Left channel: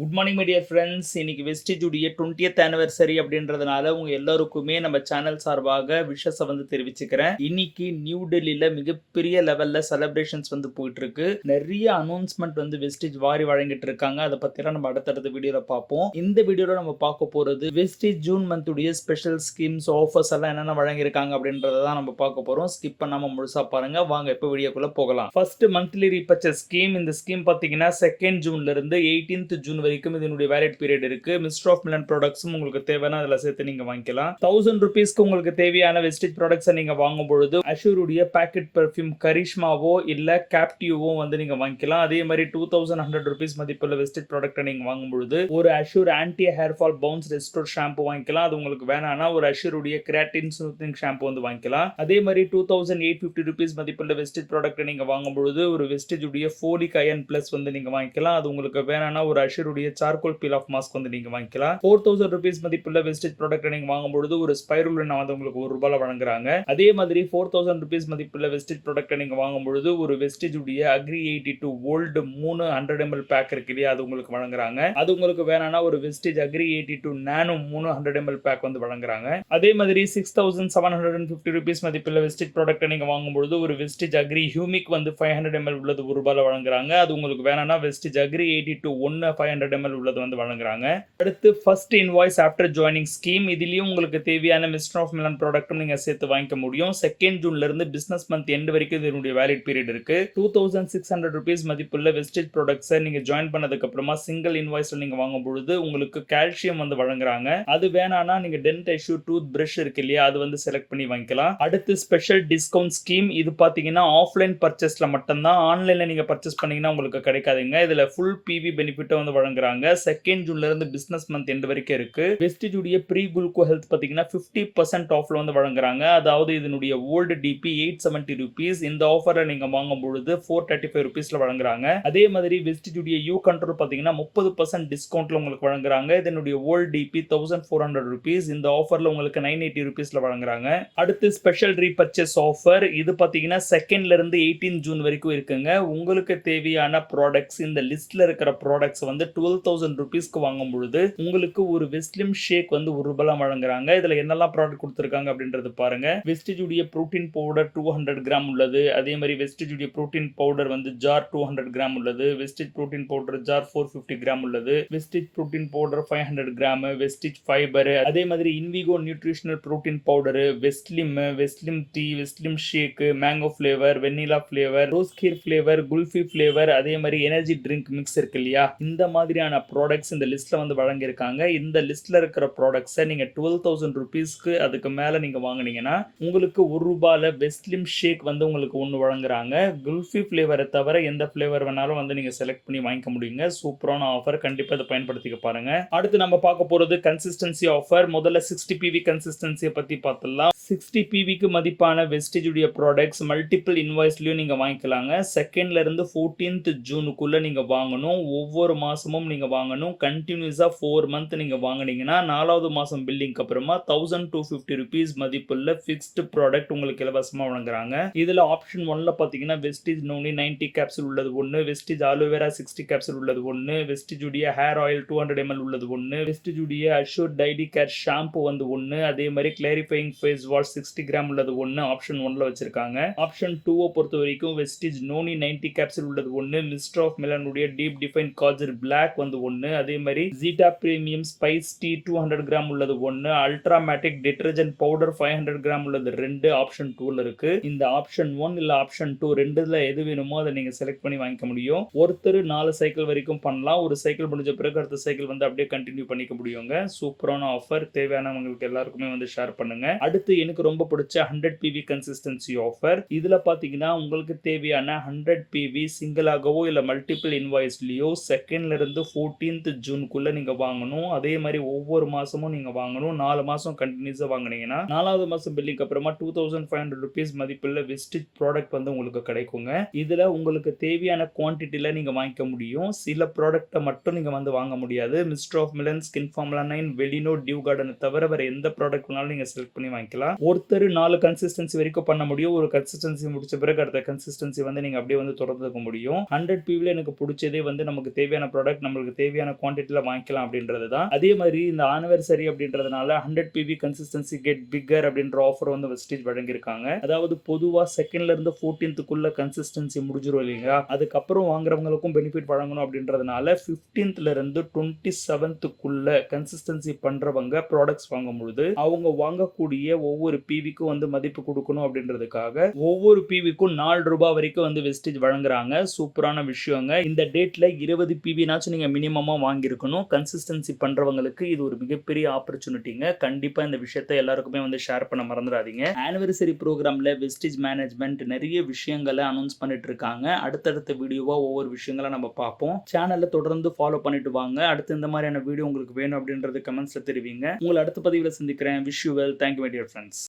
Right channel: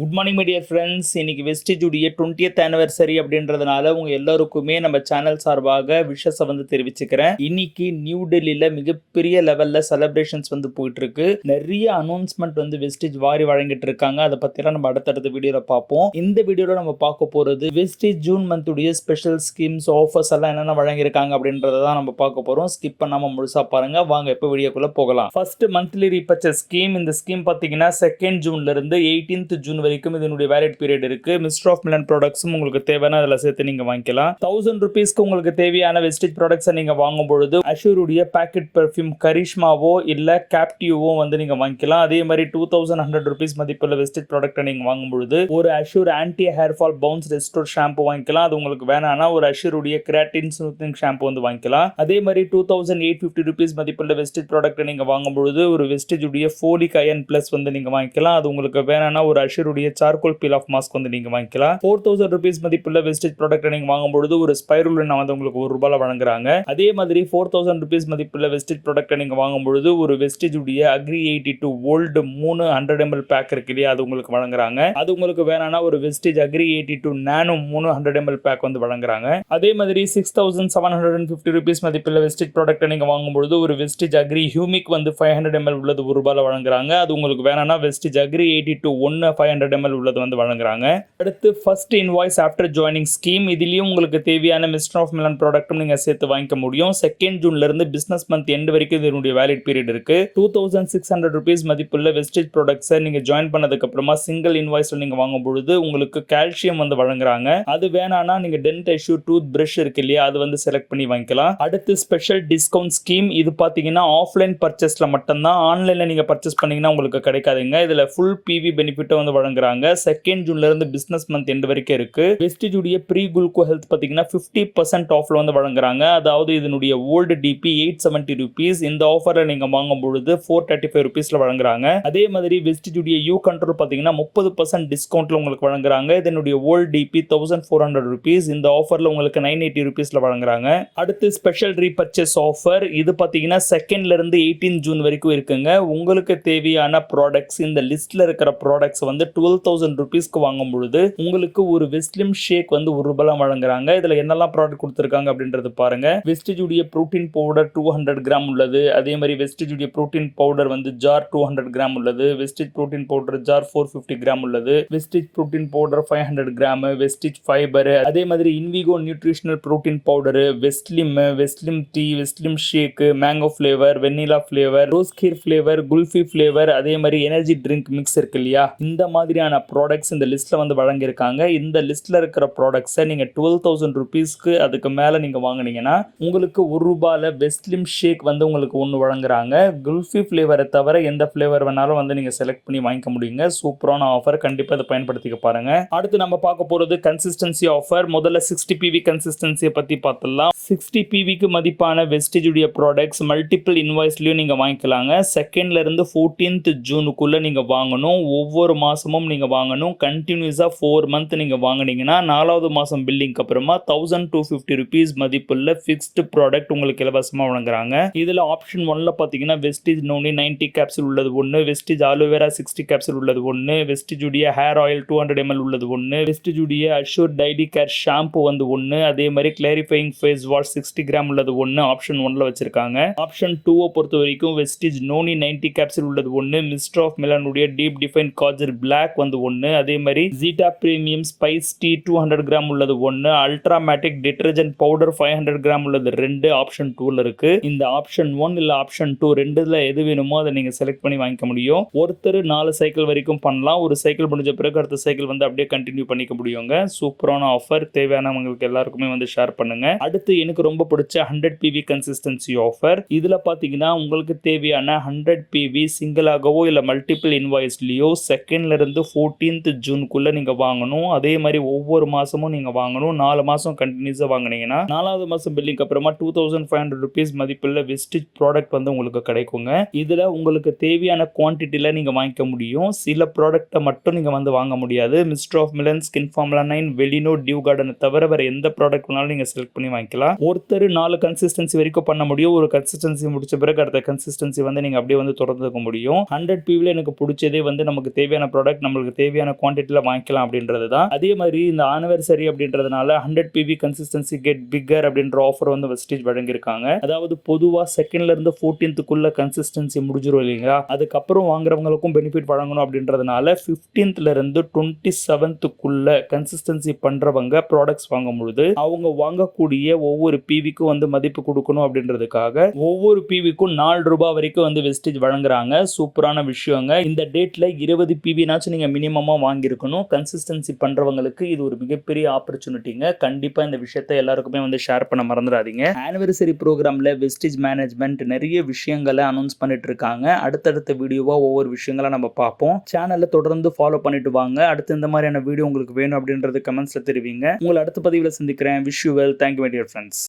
Good morning my dear friends. இன்னைக்கு வெஸ்டேஜுடைய 20th anniversary அப்படின்றதுனால உங்க எல்லாருக்குமே நம்ம சேனல் சார்பாக விஷஸை தெரிவிச்சுக்கிறேன். இன்னைக்கு நியூ டெல்லியில மிகப்பெரிய லெவல்ல செலிப்ரேஷன்ஸ் போயிட்டு இருக்கு. நிறைய அனௌன்ஸ்மெண்ட் வெஸ்டேஜ் வாரி வழங்கிட்டு இருக்காங்க. அதை பத்திலாம் நம்ம அடுத்தடுத்த வீடியோல பார்ப்போம். இந்த வீடியோல நம்ம பார்க்க போறது வெஸ்டேஜ் ஜூன் மந்த்துடைய ஸ்பெஷல் ஸ்கீம்ஸ் ஆஃபர்ஸ் எல்லாம் என்னென்ன வழங்கியிருக்காங்க அப்படின்றத தான் நம்ம பார்க்க போறோம். ஸ்கிப் பண்ணாம முழுசா பாருங்க. வாங்க இப்போ வீடியோக்குள்ள போகலாம். First monthly repurchase scheme. இந்த ஸ்கீம் பாத்தீங்கன்னா 2nd ஜூன்ல இருந்து 18th ஜூன் வரைக்கும் இதனுடைய வேலிட் பீரியட் இருக்கு. மிஸ்டர் ஆஃப் மிலன் ப்ராடக்ட்ஸும் உங்களுக்கு தேவையான அதில் சேர்த்து நீங்க வாங்கிக்கலாம். 1000 ரூபீஸ்க்கு உங்களுக்கு தேவையான வெஸ்டேஜ் ப்ராடக்ட்ஸை நீங்க வாங்கும் பொழுது அஷூருடைய பேக்கெட் பெர்ஃப்யூம் கரிஷ்மாவோ இல்ல கேப்டிவோ நீங்க வாங்கிக்கலாம். அதே மாதிரி 2100 ரூபீஸ் மதிப்புள்ள வெஸ்டேஜ் ப்ராடக்ட்டை நீங்க வாங்கும் பொழுது ஒரு Azure anti hair fall bounce restore shampoo வாங்கிக்கலாம். அது உங்களுக்கு வேணாம்னா ஒரு அஷூருடைய கிராட்டின் ஸ்மூத்திங் ஷாம்பு வாங்கிக்கலாம். அதே மாதிரி 2850 ரூபீஸ் மதிப்புள்ள வெஸ்டேஜ் ப்ராடக்ட்டை நீங்க வாங்கும் பொழுது ஒரு வெஸ்டேஜ் உடைய ஃபோலிக் அயன் பிளஸ் நீங்க வாங்கிக்கலாம். அது உங்களுக்கு வேணாம்னா ஒரு அஷூருடைய சார்கோல் பீல் ஆஃப் மாஸ்க் நீங்க வாங்கிக்கலாம். 4000 ரூபீஸ் மதிப்புள்ள வெஸ்டேஜ் ப்ராடக்ட் நீங்க வாங்கும் பொழுது ஒரு ஸ்பைருலினா உங்களுக்கு ₹1 வழங்குறாங்க. அதே மாதிரி 4000 ரூபீஸ் மதிப்புள்ள வெஸ்டேஜ் ப்ராடக்ட் நீங்க வாங்கும் பொழுது ஒரு வெஸ்டேஜ் உடைய அக்ரி 82 வோல்ட் 300 ml பேக் இருக்கு இல்லையா, அது உங்களுக்கு வழங்குறாங்க. அது உங்களுக்கு வேணாம்னா ஒரு வெஸ்டேஜ் அக்ரி 82 நானோ 300 ml பேக் வழங்குறாங்க. அதே மாதிரி 6750 ரூபீஸ் மதிப்புள்ள வெஸ்டேஜ் ப்ராடக்ட் நீங்க வாங்கும் பொழுது ஒரு வெஸ்டேஜ் அக்ரி ஹியூமிக் 500 ml உள்ளது ₹1 வழங்குறாங்க. அது உங்களுக்கு வேணாம்னா வெஸ்டேஜ் அக்ரி 82 500 ml உள்ளது வழங்குறாங்க. அடுத்து first invoice after joining scheme. இதுலயும் உங்களுக்கு தேவையான மிஸ்டர் ஆஃப் மிலன் ப்ராடக்ட்டும் நீங்க சேர்த்து வாங்கிக்க முடியும். 2nd ஜூன்ல இருந்து பிசினஸ் மந்த் எண்ட் வரைக்கும் இதனுடைய வேலிட் பீரியட் இருக்கு. 2600 ரூபீஸ் மதிப்புள்ள வெஸ்டேஜ் ப்ராடக்ட்ஸை நீங்க ஜாயின் பண்ணதுக்கு அப்புறமா சிங்கிள் இன்வாய்ஸ்ல நீங்க வாங்கும் பொழுது உங்களுக்கு கால்சியம் வழங்குறாங்க. அது வேணாம்னா நீங்க டென்ட் டிஷ்யூ டூத் பிரஷ் இருக்கு இல்லையா, அது செலக்ட் பண்ணி வாங்கிக்கலாம். அடுத்து ஸ்பெஷல் டிஸ்கவுண்ட் ஸ்கீம். இது பாத்தீங்கன்னா ஆஃப்லைன் பர்ச்சேஸ்ல மட்டும்தான். ஆன்லைன்ல நீங்க பர்ச்சேஸ் பண்ணீங்கன்னா உங்களுக்கு கிடைக்காதுங்க. இதுல ஃபுல் பிவி பெனிஃபிட் வழங்குறாங்க. 2nd ஜூன்ல இருந்து பிசினஸ் மந்த் எண்ட் வரைக்கும் இருக்கு. வெஸ்டேஜ் உடைய ப்ரீ குளுக்கோ ஹெல்த் பாத்தீங்கன்னா 50% ஆஃப்ல வழங்குறாங்க. அதாவது இதனுடைய ஓல்டு டிபி 870 ரூபீஸ். இந்த ஆஃபர்ல நீங்க வாங்கும் பொழுது 435 ரூபீஸ்ல வழங்குறாங்க. அதே மாதிரி வெஸ்டேஜ் உடைய யூ கண்ட்ரோல் பாத்தீங்கன்னா 30% டிஸ்கவுண்ட்ல உங்களுக்கு வழங்குறாங்க. இதனுடைய ஓல்டு டிபி 1400 ரூபீஸ். இந்த ஆஃபர்ல உங்களுக்கு 980 ரூபீஸ்ல வழங்குறாங்க. அடுத்து ஸ்பெஷல் ரீபர்ச்சேஸ் ஆஃபர். இது பாத்தீங்கன்னா 2nd இருந்து 18 ஜூன் வரைக்கும் இருக்குங்க. உங்களுக்கு தேவையான ப்ராடக்ட்ஸ் இந்த லிஸ்ட்ல இருக்கிற ப்ராடக்ட்ஸ் 12,000 ரூபீஸ்க்கு வாங்கும் பொழுது உங்களுக்கு ஒரு வெஸ்லிம் ஷேக் ₹1 வழங்குறாங்க. இதுல என்னெல்லாம் ப்ராடக்ட் கொடுத்திருக்காங்க அப்படின்றது பாருங்க. வெஸ்டேஜ் உடைய புரோட்டீன் பவுடர் 200 கிராம் உள்ளது. அதே மாதிரி வெஸ்டேஜ் உடைய புரோட்டீன் பவுடர் ஜார் 200 கிராம் உள்ளது. Vestige protein powder jar 450 gram உள்ளது. Vestige protein powder 500 gram. Vestige fibre. அதே மாதிரி Invigo nutritional protein powder, Veslim tea, Veslim shake, mango flavour, vanilla flavour, rose kheer flavour, kulfi flavour, அதே மாதிரி energy drink mix இருக்கு இல்லையா, இந்த மாதிரியான ப்ராடக்ட்ஸ் இந்த லிஸ்ட்ல வழங்கியிருக்காங்க. இந்த லிஸ்ட்ல இருக்கிற ப்ராடக்ட்ஸை நீங்க 12,000 ரூபீஸ்க்கு அதுக்கு மேல நீங்க வாங்குனீங்கன்னா உங்களுக்கு ₹1 வெஸ்லிம் ஷேக் உங்களுக்கு ஒன்று வழங்குறாங்க. குல்ஃபி ஃபிளேவரை தவிர எந்த ஃபிளேவர் வேணாலும் நீங்க செலக்ட் பண்ணி வாங்கிக்க முடியுங்க. சூப்பரான ஆஃபர். கண்டிப்பா இதை பயன்படுத்திக்க பாருங்க. அடுத்து நம்ம பார்க்க போறது கன்சிஸ்டன்சி ஆஃபர். முதல்ல 60 PV கன்சிஸ்டன்சியை பத்தி பார்த்தலாம். 60 PVக்கு மதிப்பான வெஸ்டேஜ் உடைய ப்ராடக்ட்ஸ் மல்டிபிள் இன்வாய்ஸ்லயும் நீங்க வாங்கிக்கலாங்க. 2nd இருந்து 14th ஜூனுக்குள்ள நீங்க வாங்கணும். ஒவ்வொரு மாசமும் நீங்க வாங்கணும். கண்டினியூஸா 4 மந்த் நீங்க வாங்குனீங்கன்னா 4வது மாசம் பில்லிங்க்கு அப்புறமா 1250 ரூபீஸ் மதிப்புள்ள ஃபிக்ஸ்டு ப்ராடக்ட் உங்களுக்கு இலவசமா வழங்குறாங்க. இதுல ஆப்ஷன் 1ல பாத்தீங்கன்னா வெஸ்டேஜ் நோனி 90 கேப்சூல் உள்ளது ஒன்று, வெஸ்டேஜ் ஆலோவேரா 60 கேப்சூல் உள்ளது ஒன்று, வெஸ்டேஜ் உடைய ஹேர் ஆயில் 200 ml உள்ளது ஒன்று, வெஸ்டேஜ் உடைய அஷூர் டைலி கேர் ஷாம்பு ஒன்று, அதே மாதிரி கிளாரிஃபையிங் ஃபேஸ் வாஷ் 60 கிராம் உள்ளது ஒன்று ஆப்ஷன் 1ல வச்சிருக்காங்க. ஆப்ஷன் 2 பொறுத்த வரைக்கும் வெஸ்டேஜ் நோனி 90 கேப்சூல் உள்ளது ஒன்று, மிஸ்டர் ஆஃப் மிலன் உடைய டீப் டிஃபைன் காஜர் பிளாக் ஒன்று, அதே மாதிரி ஜீட்டா பிரீமியம் ஸ்பைஸ் டீ 200 கிராம் உள்ளது ஒன்று, அல்ட்ராமேட்டிக் டிட்டர்ஜென்ட் பவுடர் 500 கிராம் உள்ளது 2 ஆப்ஷன் 2ல இருக்கு. இந்த ஆப்ஷன் 1 இல்ல ஆப்ஷன் 2 ரெண்டுல எது வேணுமோ அதை நீங்க செலக்ட் பண்ணி வாங்கிக்க முடியும். ஒருத்தர் 4 சைக்கிள் வரைக்கும் பண்ணலாம். ஒரு சைக்கிள் முடிஞ்ச பிறகு அடுத்த சைக்கிள் அப்படியே கண்டினியூ பண்ணிக்க முடியுங்க. சூப்பரான ஆஃபர். தேவையானவங்களுக்கு எல்லாருக்குமே ஷேர் பண்ணுங்க. அடுத்து எனக்கு ரொம்ப பிடிச்ச 100 PV கன்சிஸ்டன்சி ஆஃபர். இதுல பாத்தீங்கன்னா உங்களுக்கு தேவையான 100 PV சிங்கிளாகவோ இல்ல மல்டிபிள் இன்வாய்ஸ்லயோ 2nd இருந்து 14th ஜூனுக்குள்ள நீங்க வாங்கணும். அதே மாதிரி ஒவ்வொரு மாசமும் நீங்க வாங்கணும். 4 மாசம் கண்டினியூஸா வாங்குனீங்கன்னா 4வது மாசம் பில்லிங் அப்புறமா 2500 ரூபீஸ் மதிப்புள்ள வெஸ்டேஜ் ப்ராடக்ட் உங்களுக்கு கிடைக்குங்க. இதுல உங்களுக்கு தேவையான குவான்டிட்டில நீங்க வாங்கிக்க முடியும். சில ப்ராடக்ட்டை மட்டும் நீங்க வாங்க முடியாது. Mister of Milan, skin formula 9, Velino, dew garden தவிர வேற எந்த ப்ராடக்ட் வேணாலும் நீங்க செலக்ட் பண்ணி வாங்கிக்கலாம். ஒருத்தர் 4 கன்சிஸ்டன்சி வரைக்கும் பண்ண முடியும். ஒரு கன்சிஸ்டன்சி முடிச்ச பிறகு அடுத்த கன்சிஸ்டன்சி நீங்க அப்படியே தொடர்ந்துக்க முடியும். 100 PVல எனக்கு பிடிச்சதே நமக்கு தேவையான ப்ராடக்ட் ப்ராடக்ட் நம்மளுக்கு தேவையான குவான்டிட்டியில் வாங்கிக்கலாம் அப்படின்றது தான். அதே மாதிரி இந்த ஆனிவர்சரி அப்படின்றதுனால 100 PV கன்சிஸ்டன்சி கெட் பிக்கர் அப்படின்ற ஆஃபர் வந்து வெஸ்டேஜ் வழங்கியிருக்காங்க. அதாவது பொதுவாக 2nd இருந்து 14th கன்சிஸ்டன்சி முடிஞ்சிடும் இல்லைங்களா, அதுக்கப்புறம் வாங்குறவங்களுக்கும் பெனிஃபிட் வழங்கணும் அப்படின்றதுனால 15th இருந்து 27th கன்சிஸ்டன்சி பண்றவங்க ப்ராடக்ட்ஸ் வாங்கும் பொழுது அவங்க வாங்கக்கூடிய ஒவ்வொரு பிவிக்கும் வந்து மதிப்பு கொடுக்கணும் அப்படின்றதுக்காக ஒவ்வொரு பிவிக்கும் 4 ரூபாய் வரைக்கும் வந்து வெஸ்டேஜ் வழங்குறாங்க. சூப்பரான விஷயங்க. இந்த டேட்ல 20 பிவினாச்சும் நீங்க மினிமமா வாங்கியிருக்கணும். கன்சிஸ்டன்சி பண்றவங்களுக்கு இது ஒரு மிகப்பெரிய ஆப்பர்ச்சுனிட்டிங்க. கண்டிப்பா இந்த விஷயத்தை எல்லாருக்குமே வந்து ஷேர் பண்ண மறந்துடாதீங்க. ஆனிவர்சரி ப்ரோக்ராம்ல வெஸ்டேஜ் மேனேஜ்மெண்ட் நிறைய விஷயங்களை அனௌன்ஸ் பண்ணிட்டு இருக்காங்க. அடுத்தடுத்த வீடியோவா ஒவ்வொரு விஷயங்களை நம்ம பார்ப்போம். சேனலை தொடர்ந்து ஃபாலோ பண்ணிட்டு வாங்க. அடுத்து இந்த மாதிரியான வீடியோ உங்களுக்கு வேணும் அப்படின்றது கமெண்ட்ஸ்ல தெரிவிங்க. உங்களை அடுத்த பதிவில் சந்திக்கிறேன். Wish you well. Thank you my dear friends.